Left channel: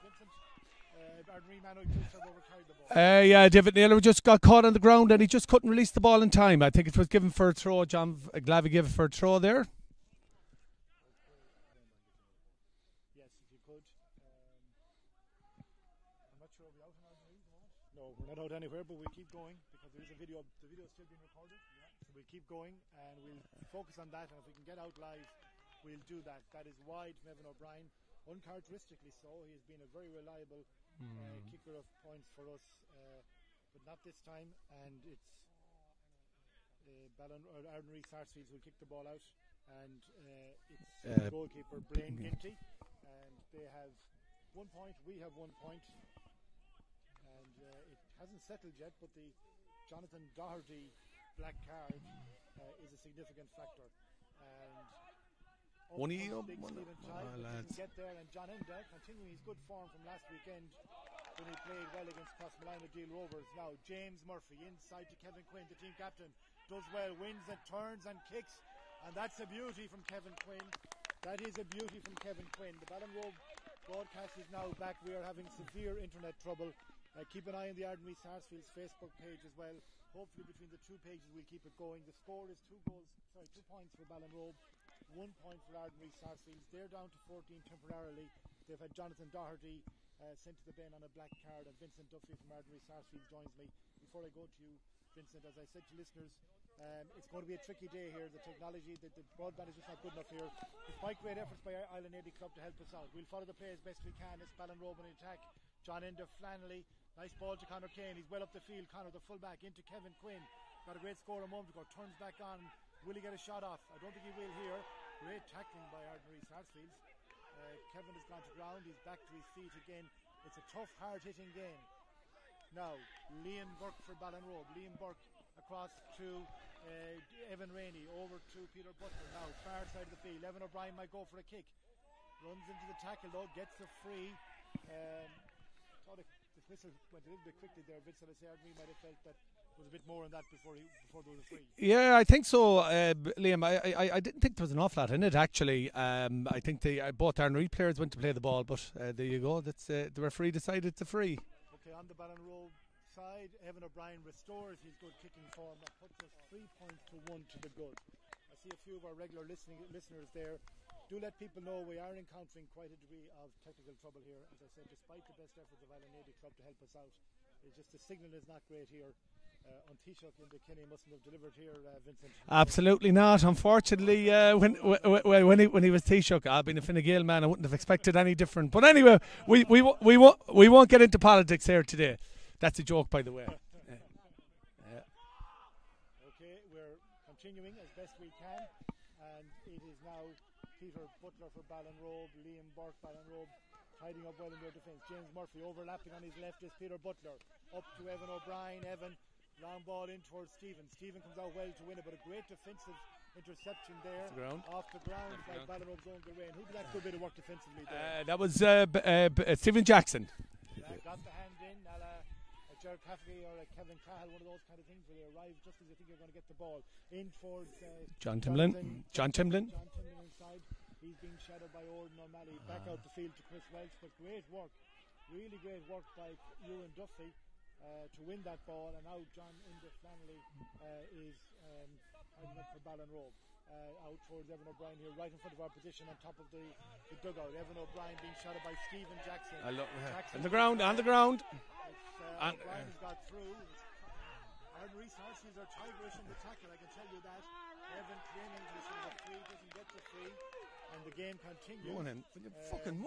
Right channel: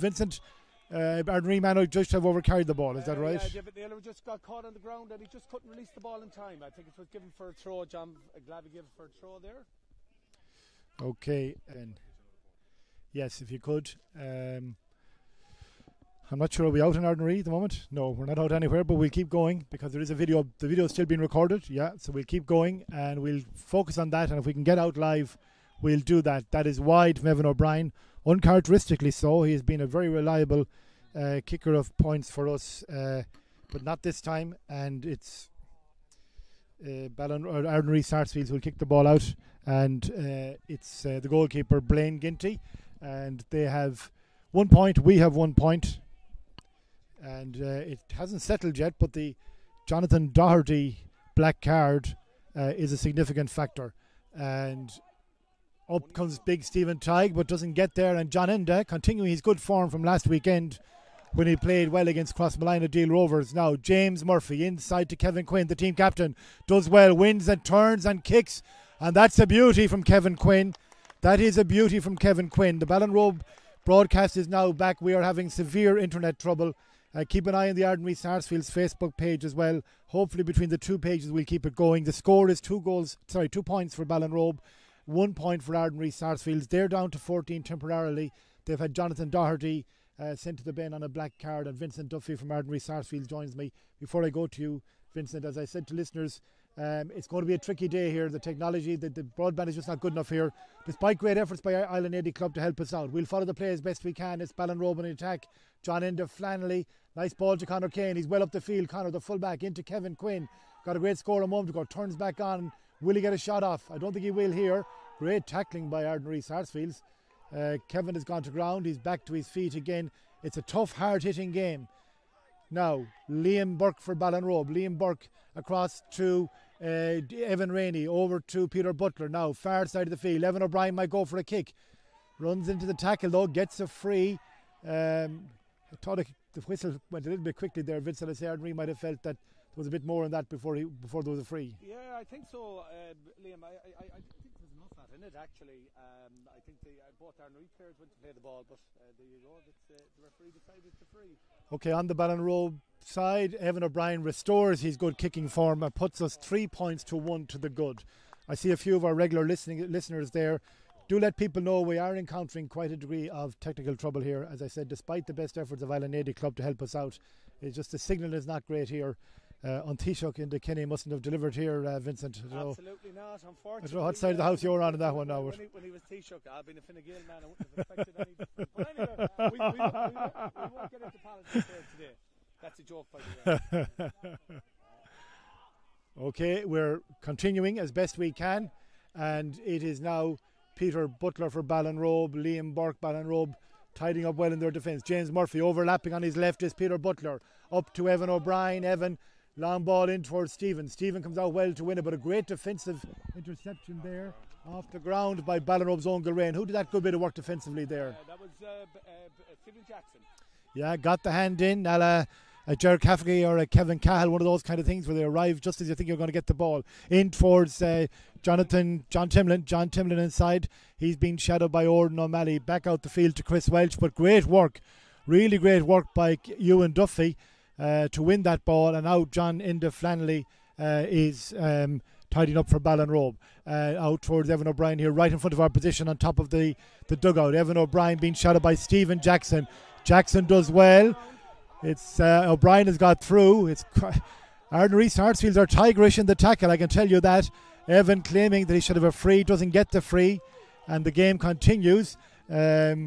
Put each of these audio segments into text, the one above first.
Vincent, Ardnaree man just have overcarried the ball. Yeah, David Naylor just got caught on the ground and he just couldn't release the ball in time. I think it was given for a throw. John Glavy gave it for a throw there. Okay, and yes, if you could. I'm not sure, are we out in Ardnaree at the moment? No, we're not out anywhere, but we'll keep going because there is a video. The video is still being recorded, yeah, so we'll keep going and we'll focus on that, and if we can get out live, we'll do that. That is wide from Evan O'Brien, uncharacteristically so. He has been a very reliable kicker of points for us, but not this time, and it's Ardnaree Sarsfields will kick the ball out, and it's the goalkeeper Blaine Ginty, and they have 1 point, we have 1 point. And it hasn't settled yet, but the Jonathan Doherty black card is a significant factor. And up comes big Stephen Tighe, but doesn't get there. And John Enda, continuing his good form from last weekend when he played well against Crossmalina Deal Rovers. Now James Murphy inside to Kevin Quinn, the team captain, does well, wins and turns and kicks. And that's a beauty from Kevin Quinn. That is a beauty from Kevin Quinn. The Ballinrobe broadcast is now back. We are having severe internet trouble. Keep an eye on the Ardnaree Sarsfields Facebook page as well. Hopefully between the two pages we'll keep it going. The score is 2 points for Ballinrobe, 1 point for Ardnaree Sarsfields. They're down to 14 temporarily. They've had Jonathan Doherty sent to the bin on a black card, and Vincent Duffy from Ardnaree Sarsfields joins me. Before I go to you, Vincent, as I said to listeners, it's going to be a tricky day here. The technology, the broadband is just not good enough here. Despite great efforts by Islandeady Club to help us out, we'll follow the play as best we can. It's Ballinrobe in attack. John Enda Flannelly. Nice ball to Conor Kane. He's well up the field. Conor, the fullback, into Kevin Quinn. Got a great score a moment ago. Turns back on. Will he get a shot off? I don't think he will here. Great tackling by Ardnaree Sarsfields. Kevin has gone to ground. He's back to his feet again. It's a tough, hard-hitting game. Now, Liam Burke for Ballinrobe. Liam Burke across to Evan Rainey. Over to Peter Butler. Now, far side of the field. Evan O'Brien might go for a kick. Runs into the tackle, though. Gets a free. I thought the whistle went a little bit quickly there. Vincent, I say Ardnaree might have felt that there was a bit more in that before there was a free. Yeah, I think so, Liam. I didn't think there was an awful lot in it, actually. I think both Ardnaree players went to play the ball, but there you go. That's the referee decided it's a free. Okay, on the Ballinrobe side, Evan O'Brien restores his good kicking form and puts us 3 points to 1 to the good. I see a few of our regular listeners there. Do let people know we are encountering quite a degree of technical trouble here. As I said, despite the best efforts of Islandeady Club to help us out, it's just the signal is not great here. On Taoiseach in the Kenny mustn't have delivered here, Vincent. Absolutely not, unfortunately. When he was Taoiseach, I've been a Fine Gael man. I wouldn't have expected any different. But anyway, we won't get into politics here today. That's a joke, by the way. Okay, we're continuing as best we can, and it is now Peter Butler for Ballinrobe, Liam Burke, Ballinrobe tidying up well in their defence. James Murphy overlapping on his left is Peter Butler. Up to Evan O'Brien. Evan, long ball in towards Stephen. Stephen comes out well to win it, but a great defensive interception there off the ground by Ballinrobe's own Gilrain. Who did that good bit of work defensively there? That was Stephen Jackson. Yeah, got the hand in. A Jared Cafferty or a Kevin Cahill, one of those kind of things where they arrive just as you think you're going to get the ball in towards John Timlin inside. He's been shadowed by Ordan O'Malley. Back out the field to Chris Welch, but great work, really great work by Ewan Duffy to win that ball. And now John Enda Flannelly is tidying up for Ballinrobe. Out towards Evan O'Brien here, right in front of our position on top of the dugout. Evan O'Brien being shadowed by Stephen Jackson. Jackson does well. It's O'Brien has got through. It's Ardnaree Sarsfields are tigerish in the tackle, I can tell you that. Evan claiming that he should have a free, doesn't get the free, and the game continues. It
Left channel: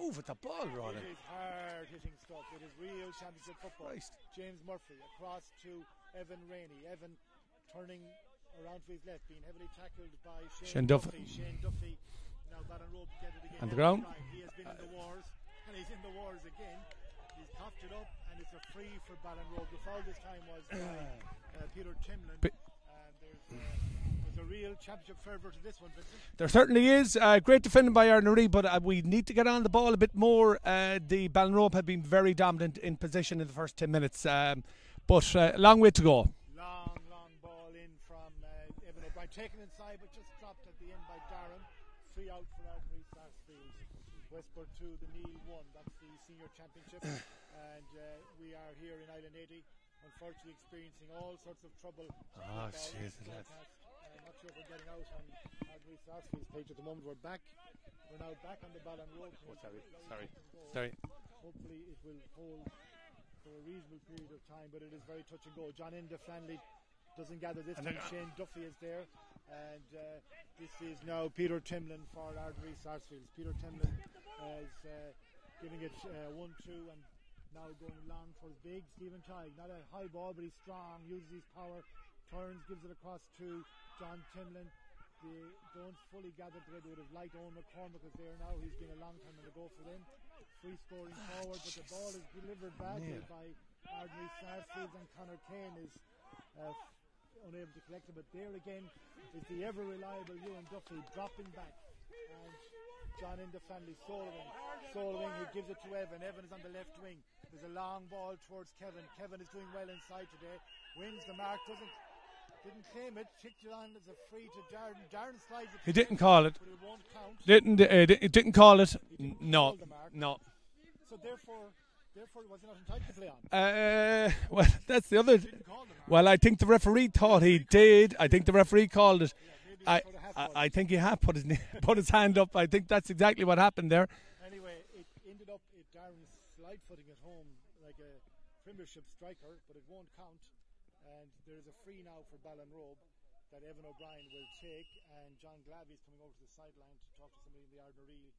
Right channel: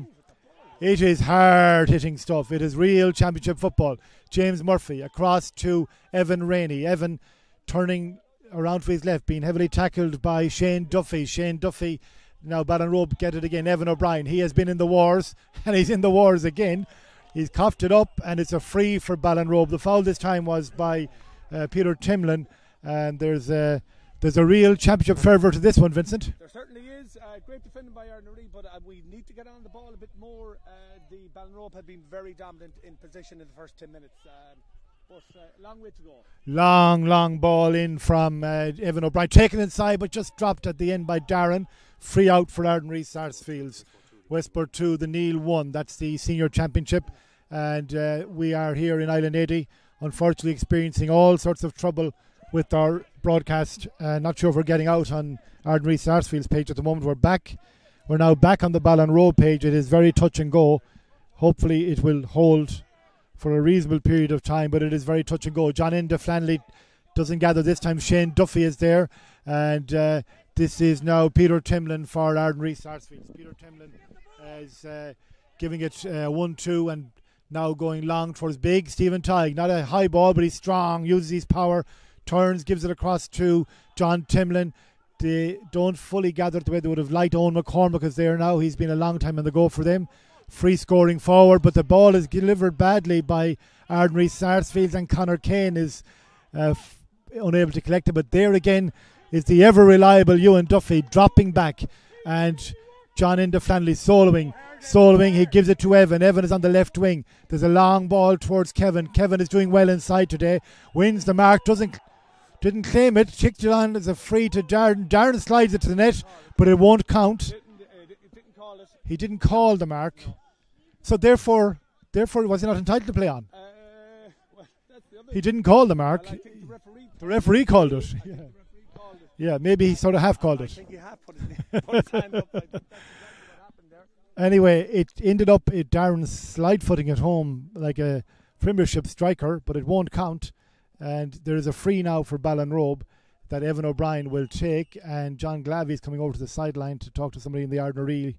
is hard hitting stuff. It is real championship football. James Murphy across to Evan Rainey. Evan turning around to his left, being heavily tackled by Shane Duffy. Shane Duffy, now Ballinrobe get it again. Evan O'Brien, he has been in the wars, and he's in the wars again. He's coughed it up, and it's a free for Ballinrobe. The foul this time was by Peter Timlin, and there's a real championship fervour to this one, Vincent. There certainly is. Great defending by Ardnaree, but we need to get on the ball a bit more. The Ballinrobe have been very dominant in position in the first 10 minutes, but a long way to go. Long ball in from Evan O'Brien, taken inside, but just dropped at the end by Darren. Free out for Ardnaree Sarsfields. Westport 2, the Neil 1. That's the senior championship. And we are here in Islandeady, unfortunately experiencing all sorts of trouble with our broadcast. Not sure if we're getting out on Ardnaree Sarsfields page at the moment. We're now back on the Ballinrobe page. It is very touch and go. Hopefully it will hold for a reasonable period of time, but it is very touch and go. John Enda Flanley doesn't gather this time. Shane Duffy is there, and this is now Peter Timlin for Ardnaree Sarsfields. Peter Timlin is giving it 1-2 and now going long towards big Stephen Tighe. Not a high ball, but he's strong, uses his power, turns, gives it across to John Timlin. They don't fully gather the way they would have liked. Owen McCormick is there now. He's been a long time on the go for them. Free scoring forward, but the ball is delivered badly by Ardnaree Sarsfields, and Conor Kane is unable to collect it. But there again is the ever reliable Ewan Duffy dropping back, and John Enda Flanley soloing. He gives it to Evan. Evan is on the left wing. There's a long ball towards Kevin. Kevin is doing well inside today. Wins the mark. Didn't claim it. Kicked it on as a free to Darren. Darren slides it to the net, but it won't count. Didn't call it. He didn't call the mark. No. So therefore, was he not entitled to play on? Well, that's the other. He didn't call the mark. Well, I think the referee thought the referee he called did. it. I think the referee called it. Yeah, maybe he sort of half called it. I think he half put his hand up. I think that's exactly what happened there. Anyway, it ended up Darren slide footing at home like a Premiership striker, but it won't count. And there is a free now for Ballinrobe that Evan O'Brien will take, and John Glavey is coming over to the sideline to talk to somebody in the Ardnaree